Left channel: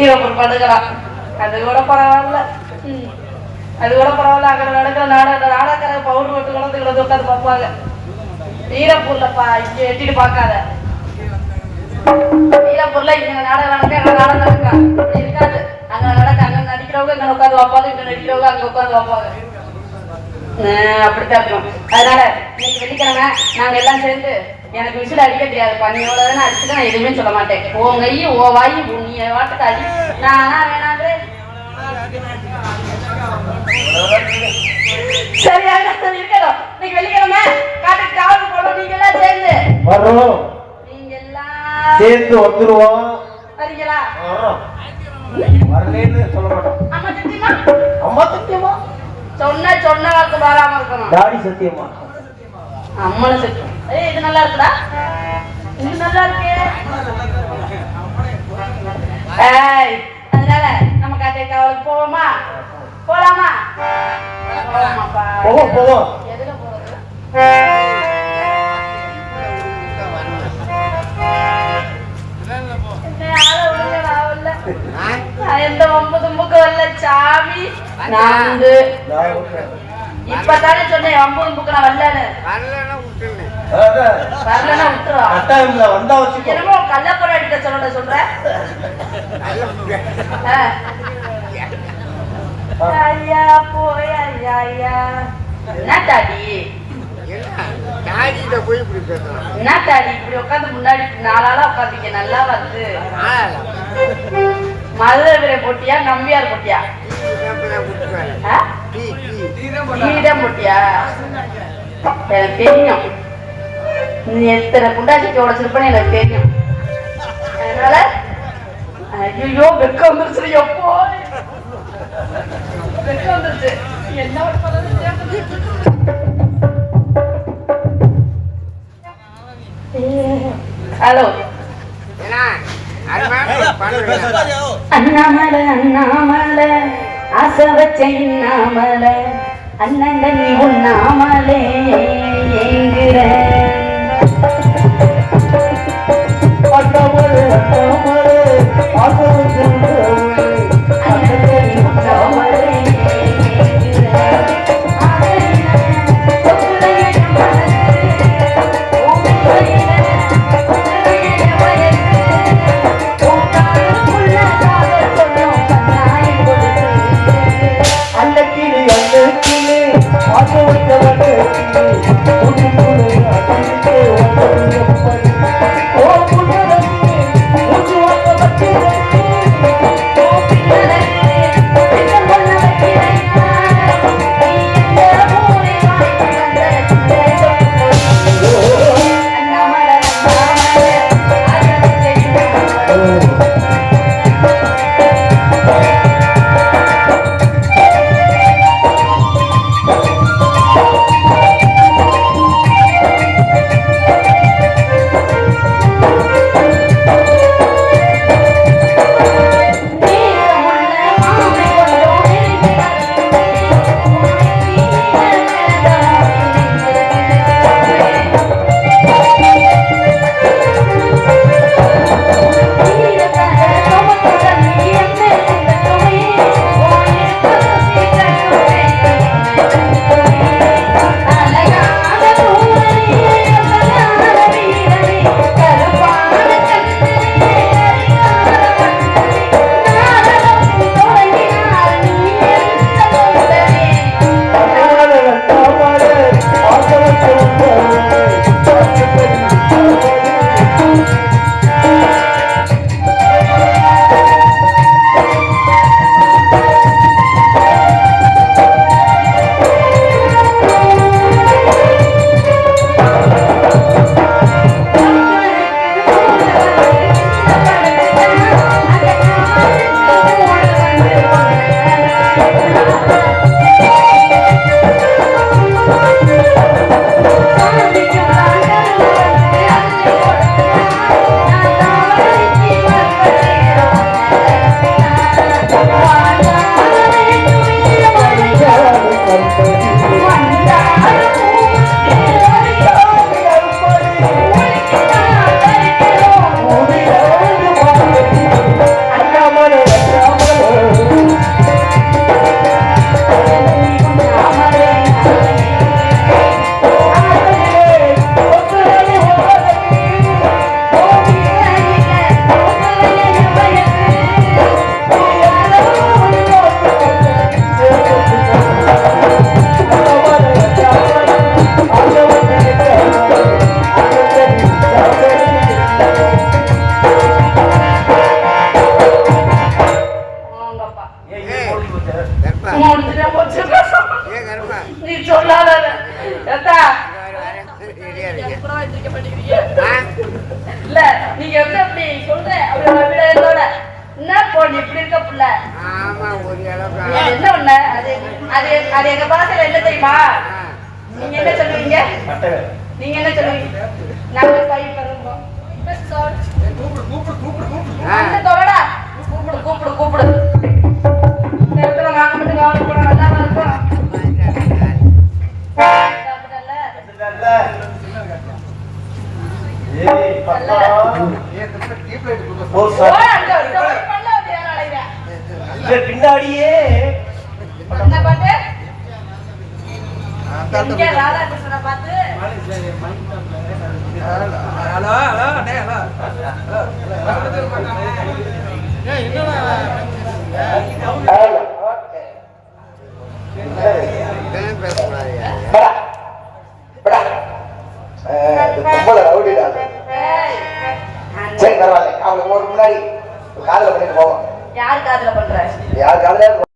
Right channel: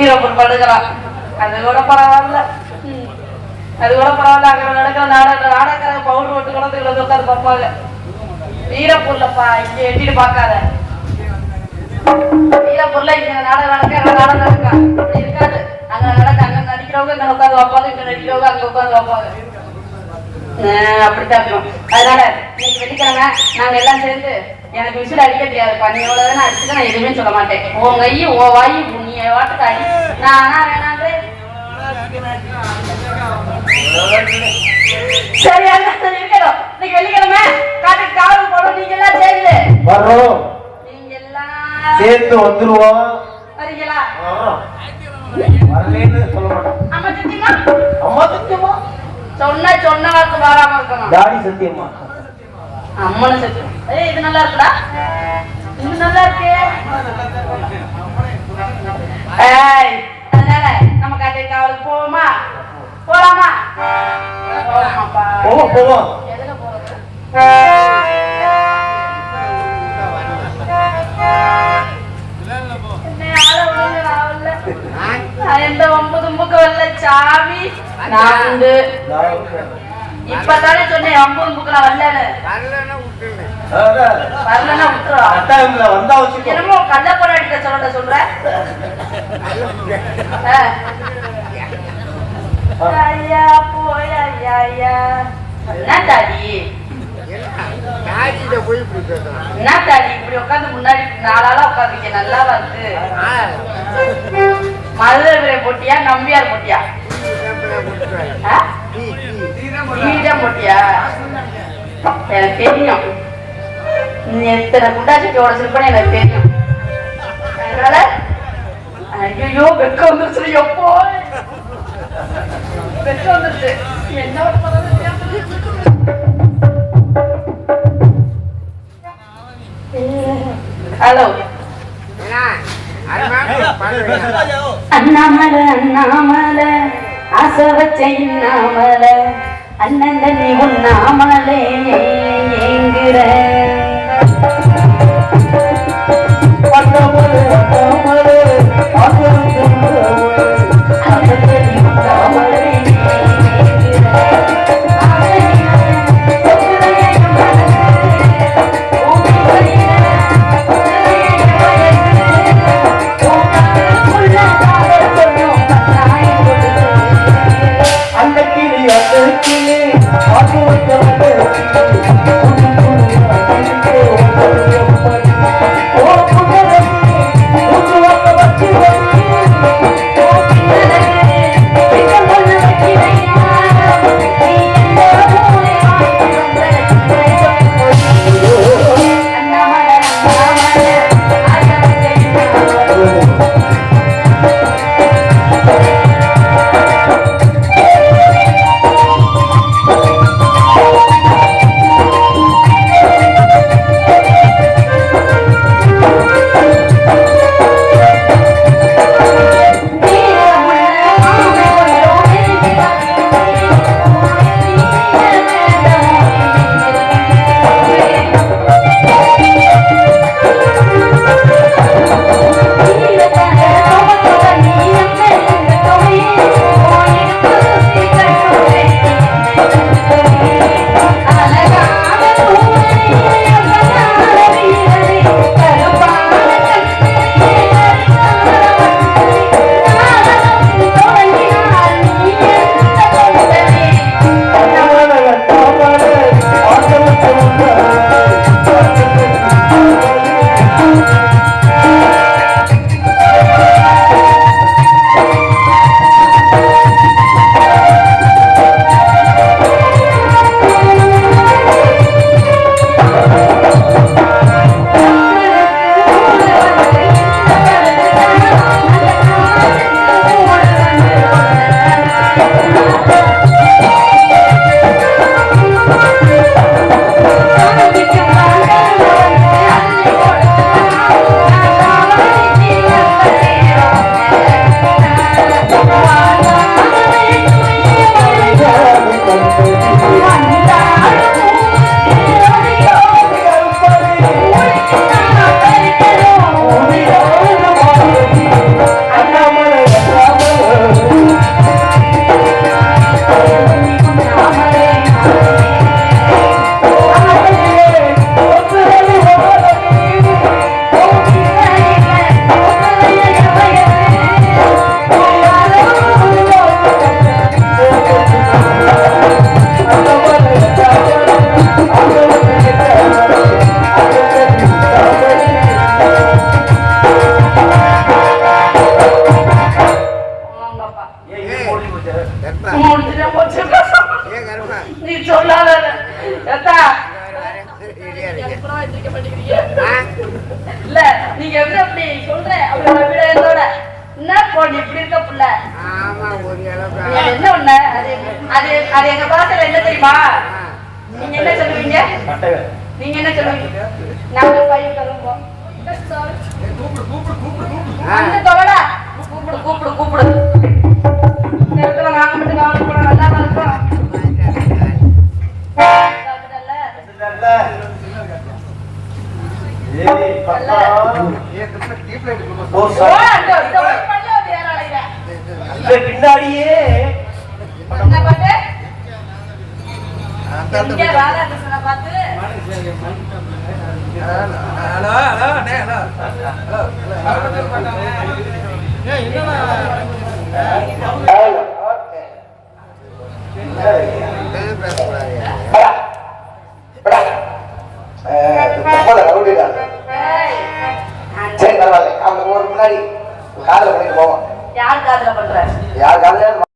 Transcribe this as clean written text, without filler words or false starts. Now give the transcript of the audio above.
ஈரப்பூர் படுக்கலாம். அது கூட பரவாயில்ல, அது கூட பரவாயில்ல. அங்க நடக்கிற நாடக பவுடர் மட்டும் கூட இதுல உட்காந்து பார்ப்பாங்க. ஈரப்பூர்லப்பா இங்க எட்டிட்டு பார்க்காத. ஈரப்பூர்ல இங்க நாடகம் நடக்க அங்க நாடகம் நடக்க அப்படி இருக்காது. அங்க நடக்க அங்க நடிக்கிறவங்க இங்க உட்காந்து வைப்பாங்க, இங்க நடிக்கிறவங்க அங்க உட்காந்து வைப்பாங்க. அப்படித்தான் இருக்கும். அதனால நீங்க வெள்ளிக்கிழமை நாங்க எல்லாம் சேர்ந்து எனக்கு விசில் அடிக்க தெரியாது. பண்ணி எவ்வளவுதானே அடிச்சுட்டு நான் எதுவுமே சொல்ல மாட்டேன். உன் கை ஓ வாய் நீ வாட்டுக்கு அடி. நானா வேணாங்களே சரியா இருக்கணும். இன்னைக்கு வெள்ளிக்கிழமை காட்டுக்கு காவல் போடும். நீங்க எல்லாம் சேர்ந்து வரும். நீங்க எல்லாம் சேர்ந்து வந்துருவோம். வரீங்களா? வரலன்னு சொல்ல மாட்டோம். அம்மா சத்தியமா? அம்மா சத்தியமா? சொன்ன வாக்கு மாறாம இருக்கணும். டாடி சத்தியமா? அம்மனு சத்தியம். இது நல்லா இருக்குடா, இது நல்லா இருக்கு. அதனால நம்ம காட்டை காவல் போவோமா? போலாமா? போவோம். எதுல போறது? எந்த ஒம்பு தும்புக்கு வரல சாமி. நான் இப்பதானே சொன்னேன் ஒம்பு தும்புக்கு நான் வரல. வரலன்னா விட்டுரும். என்னமோ கள்ளப்பட அடிக்க சொல்றேன். ஐயா போய் ஐயா ஐயா என்ன தாடி என்ன தாடி இப்படி உட்காந்து முன்னாடி 4 ஆளா உட்காந்துக்க நல்லா வந்து. மதுரை போட்டியா நம்பியார் போட்டியா? நீதான் போட்டியா? எனக்கு தெரியும் நீ எத்தனை குண்டாச்சிக்கோட சிற்பனை எனக்கு தெரியும். அதனால ஐயோ வெக்க வந்துருச்சு. எப்போ வெக்க வந்துருச்சு என்ன ஹலோ அண்ணாமலை அண்ணாமலை ஆசை வச்சேன்னாமலை அண்ணன் தண்ணி உண்ணாமலே ஏங்குற அந்த கிளி அப்புறம் எந்திரிக்க மாட்டேங்கிறீங்க. இல்ல நீங்க எப்படி அப்படி சொல்றேன் அப்படி விட என்னோட என்ன போன் இப்படி இருக்க புள்ள என்ன ஒண்ணு அது அது எங்க பாசல என்ன தெரியுமா நீங்க என்ன சொல்லுவீங்க நீங்க என்ன சொல்லுவீங்க நாங்க பையன் தருவோம் அந்த தொலைடா கூப்பிடு கூப்பிடு கூப்பிடு இந்த இடத்துல நான் மட்டும் கவலைப்பட நல்லா இருக்கும் பின்னாடியே சரி, ஒரு முன்னாடி காதல பண்ணிட்டு போவோம். யார் காதல பண்ற யார் காதல